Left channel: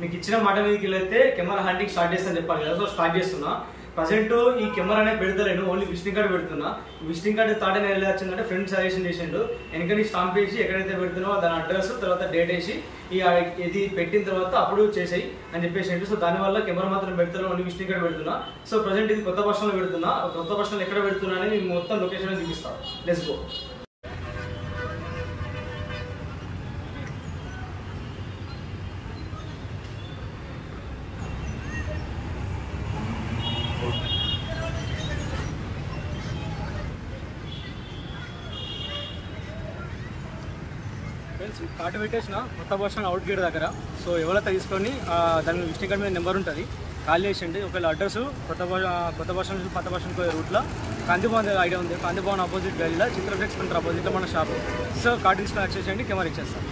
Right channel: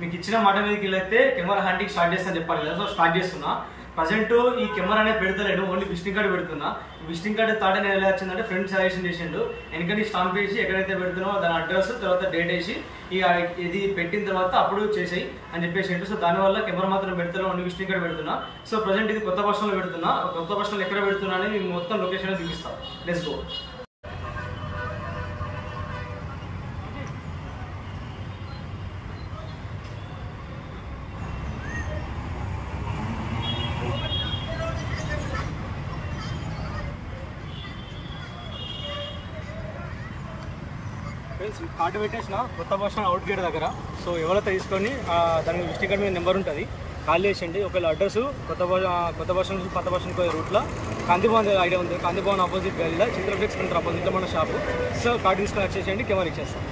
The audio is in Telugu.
మీకు ఇచ్చిన మాట మీదకి వెళ్ళైతే కెమెరా హ్యాండింగ్ స్టార్ట్ చేస్తాను చెప్పాను కదా, సో స్టార్ట్ చేస్తున్నా. ప్రజెంట్ ఈ కెమెరా అనేది పెడతలేను, ఓన్లీ విజిటింగ్ కార్డు పెడుతున్నా. ఈ విజిటింగ్ కార్డు థాట్ అనేది ఎలా వచ్చిందంటే ఫ్రెండ్ సజెషన్ చేసిండు. ఎందుకంటే స్టాంప్ వేసి ఎక్కడైతే పెడుతున్నామో దాని అడ్రస్ తర్వాత డేట్ వేసి ఇది పెట్టిన తర్వాత అప్పుడు చేసేయి అని చెప్పేసిండు. సో దానివల్ల కెమెరా మాత్రం పెడతాను, ఓన్లీ విజిటింగ్ కార్డు పెడుతున్నా. సో ప్రజెంట్ ఇది కొత్త బస్ స్టాండ్లో పెడుతున్నా. కొత్త బస్ స్టాండ్ ఎక్కడ పెడుతున్నా అని మీకు మొత్తం లొకేషన్ చూపిస్తాను. Let's go. కార్డు పెట్టేసిన కొత్త బస్ స్టాండ్ అవుట్ గేట్ దగ్గర. సో ఎవరైతే తీసుకొని దాని విజిటింగ్ కార్డు మీద నెంబర్ ఉంటుంది, కాల్ చేసేయండి. ఒకవేళ అడ్రస్ కొత్త బస్ స్టాండ్ పాత బస్ స్టాండ్ రూట్లో కాంతిభవన్ ఐడియా ఉంది, కాంతిభవన్ ఆపోజిట్ గల్లీలో చిత్ర ఫ్లెక్స్ ఆపోజిట్లో మన షాపు. సో కార్డు తీసుకొని వచ్చేసేయండి, కెమెరా ఇచ్చేస్తాం.